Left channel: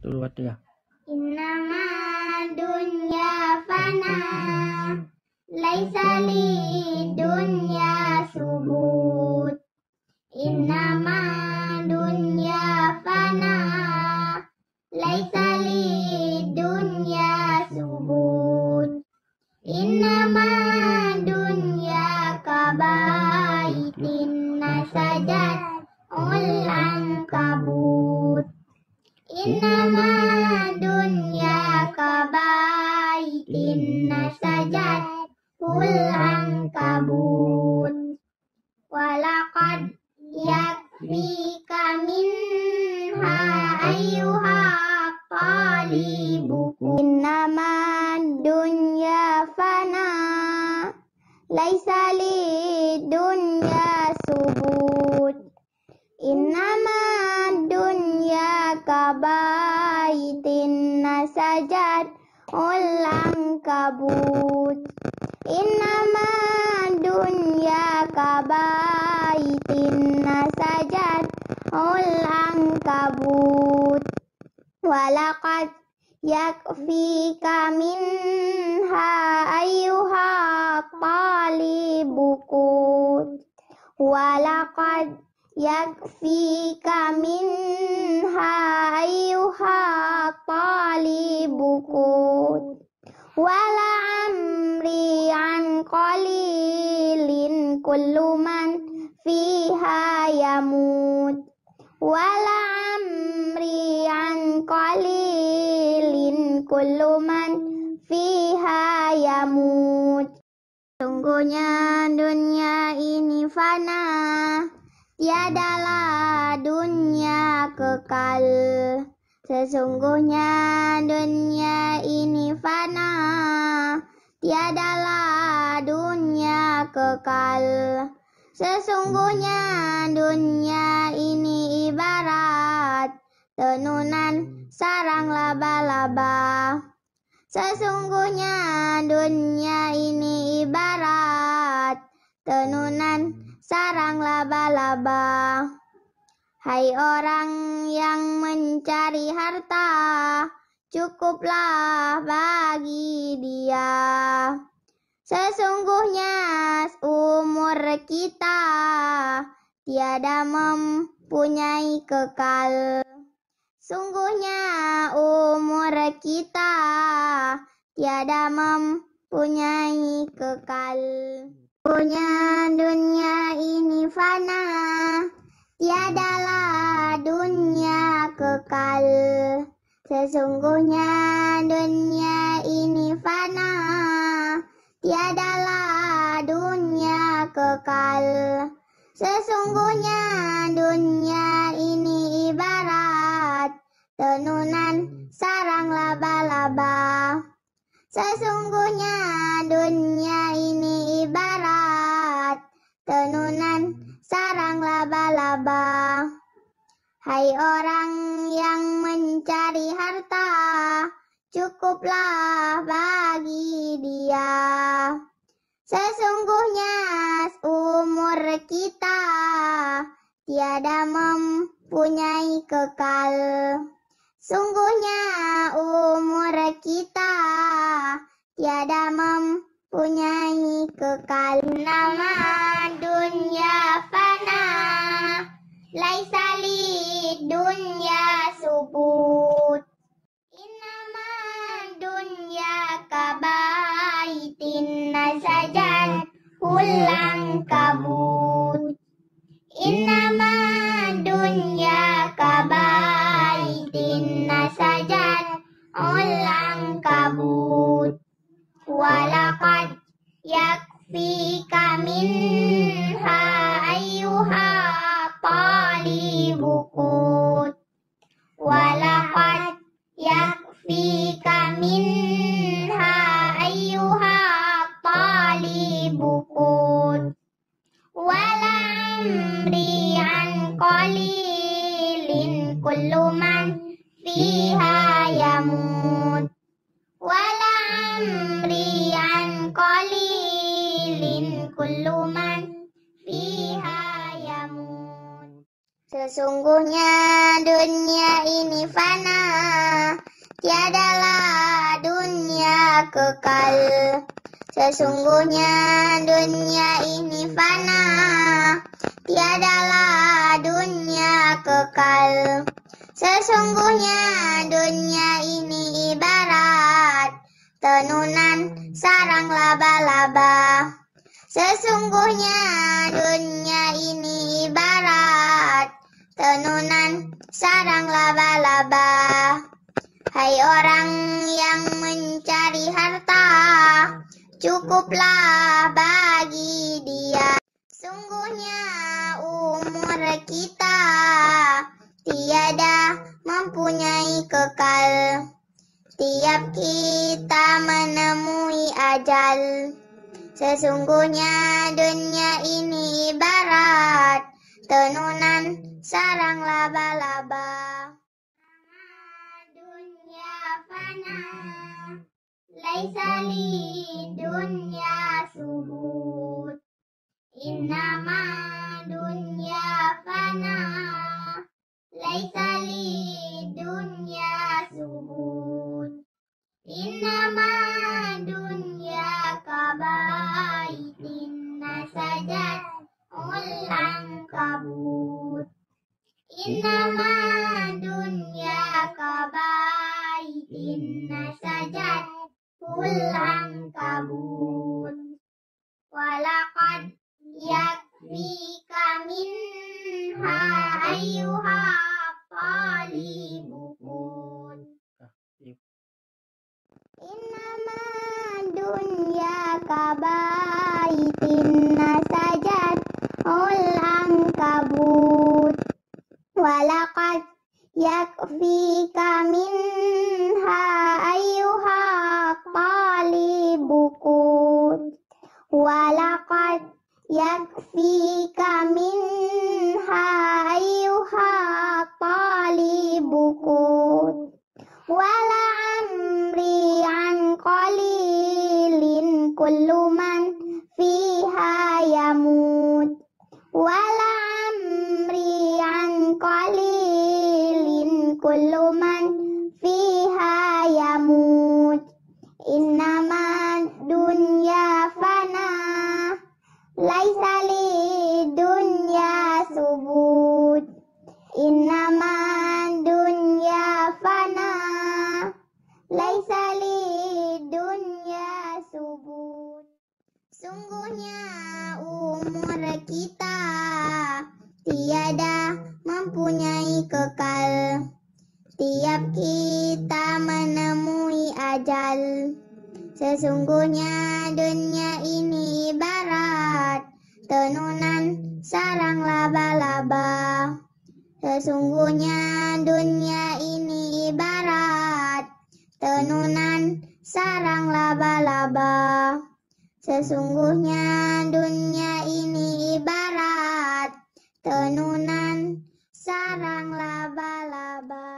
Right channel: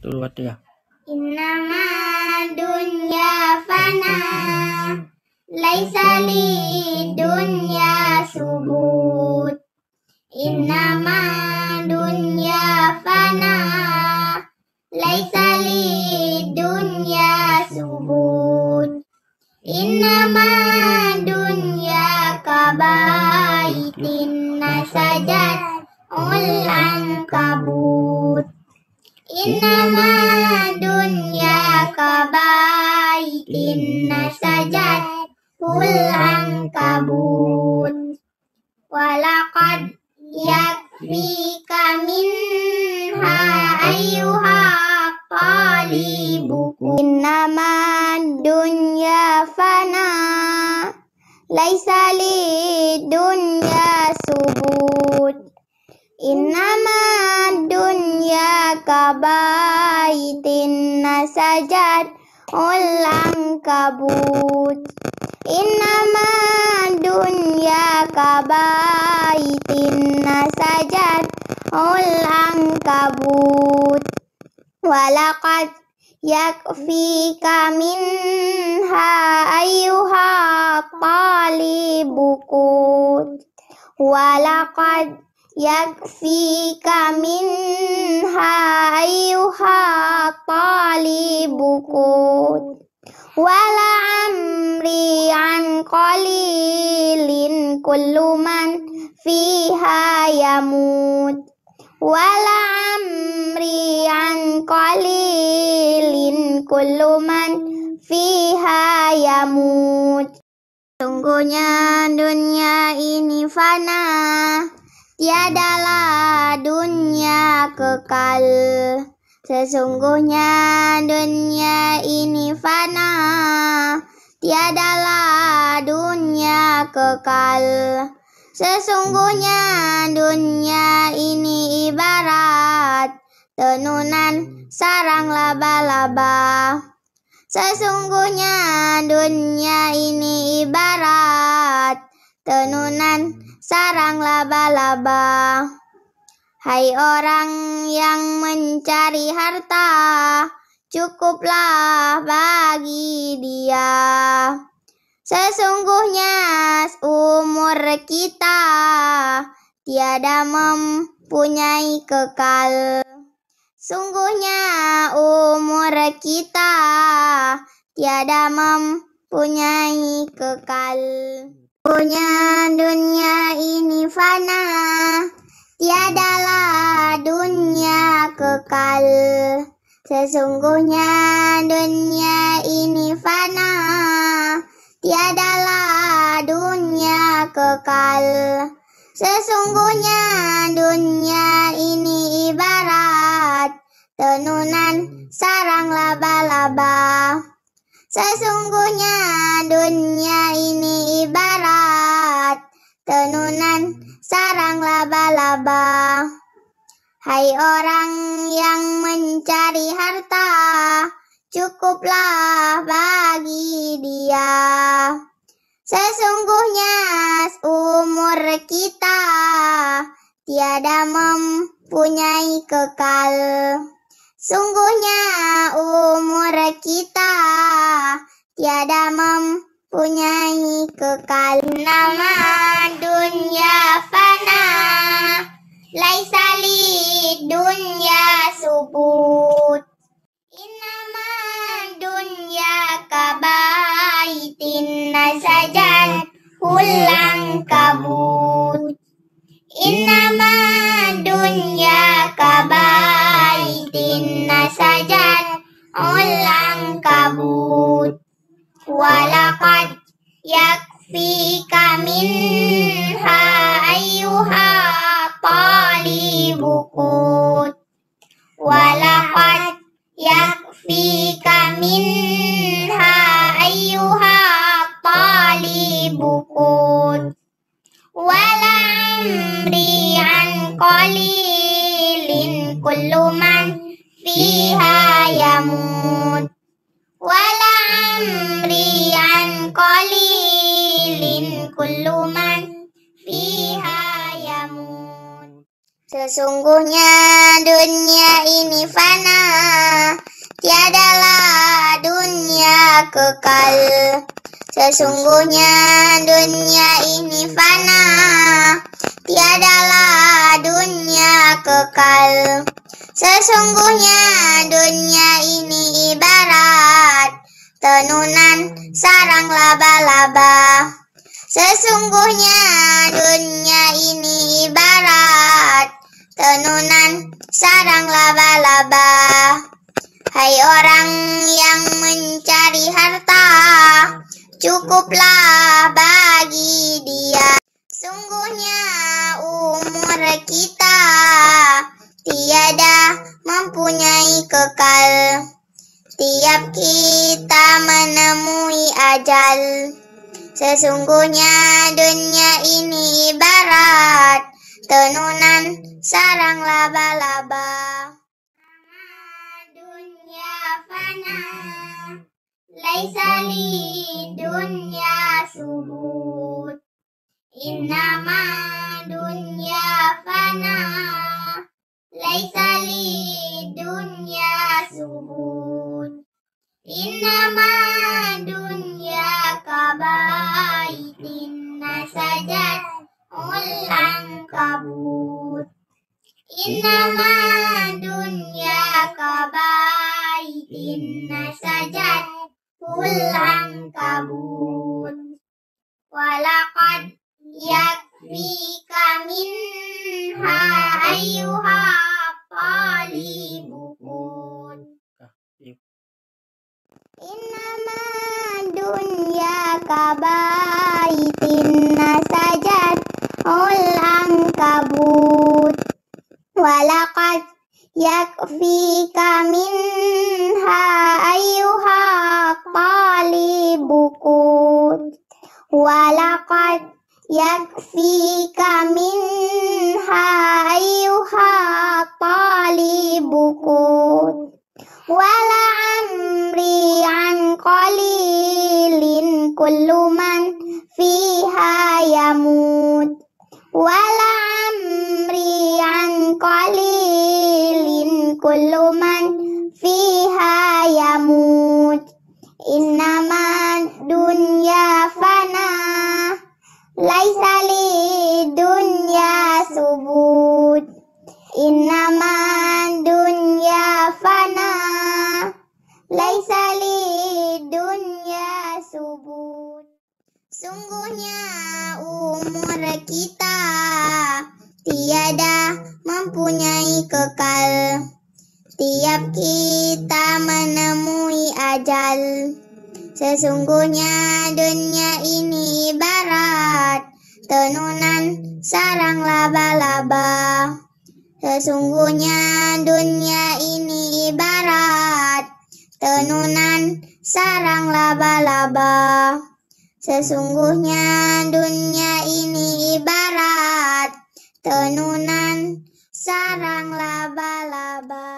Dulu ya. Innama dunya fana, laisa li dunya subut. Innama dunya fana, laisa li dunya subut. Innama dunya kabaitin nasajat ulang kabut. Innama dunya kabaitin nasajat ulang kabut. Walaqad yakfika minha ayyuha talibuku. Innama dunya fana, laisa li dunya subut. Innama dunya kabaitin nasajat ulang kabut. Innama dunya kabaitin nasajat ulang kabut. Walaqad yakfika minha ayyuha talibukut. Walaqad yakfika minha ayyuha talibukut. Wala amri an qalilin kullu man fiha yamut. Wala amri an qalilin kullu man fiha yamut. Sungguhnya dunia ini fana, tiadalah dunia kekal. Sesungguhnya dunia ini fana, tiadalah dunia kekal. Sesungguhnya dunia ini ibarat tenunan sarang laba-laba. Sesungguhnya dunia ini ibarat tenunan sarang laba-laba. Hai orang yang mencari harta, cukuplah bagi dia. Sesungguhnya umur kita tiada mempunyai kekal. Sungguhnya umur kita tiada mempunyai kekal. Sungguhnya dunia ini fana, tiadalah dunia kekal. Sesungguhnya dunia ini fana, tiadalah dunia kekal. Sesungguhnya dunia ini ibarat tenunan sarang laba-laba. Sesungguhnya dunia ini ibarat tenunan sarang laba-laba. Hai orang yang mencari harta, cukuplah bagi dia. Sesungguhnya umur kita tiada mempunyai kekal. Sungguhnya umur kita tiada mempunyai kekal. Nama dunia fana, laisa li dunya subut. Innama dunya kabaitin nasajat ulang kabut. Innama dunya kabaitin nasajat ulang kabut. Walaqad yakfika minha ayyuha talibukut. Walaqad yakfika minha ayyuha talibukut. Wala amri an qalilin kullu man fiha yamut. Wala amri an qalilin kullu man fiha yamut. Sesungguhnya dunia ini fana, Sesungguhnya dunia ini fana, tiadalah dunia kekal. Sesungguhnya dunia ini ibarat tenunan sarang laba-laba. Sesungguhnya dunia ini ibarat tenunan sarang laba-laba. Hai orang yang mencari harta, cukuplah bagi dia. Sungguhnya umur kita tiada mempunyai kekal. Tiap kita menemui ajal. Sesungguhnya dunia ini ibarat tenunan sarang laba-laba. Dunia fana, laisa li dunia subut. Innama dunia fana, laisa li dunia subut. Innama dunia kabaitin nasajat ulang kabut. Innama dunia kabaitin nasajat ulang kabut. Walaqad yakfika minha ayyuha talibukun. Innama dunya kabaitin nasajat ulang kabut. Walaqad yakfika minha ayyuha talibukun. Walaqad yakfika minha ayyuha talibukun. Wala amri an qalilin kullu man fiha yamut. Wala amri an qalilin kullu man fiha yamut. Innama dunya fana, laisa li dunya subut. Innama dunya fana, laisa li dunya subut. Sungguhnya umur kita tiada mempunyai kekal. Tiap kita menemui ajal. Sesungguhnya dunia ini ibarat tenunan sarang laba-laba. Sesungguhnya dunia ini ibarat tenunan sarang laba-laba. Sesungguhnya dunia ini ibarat tenunan sarang laba-laba.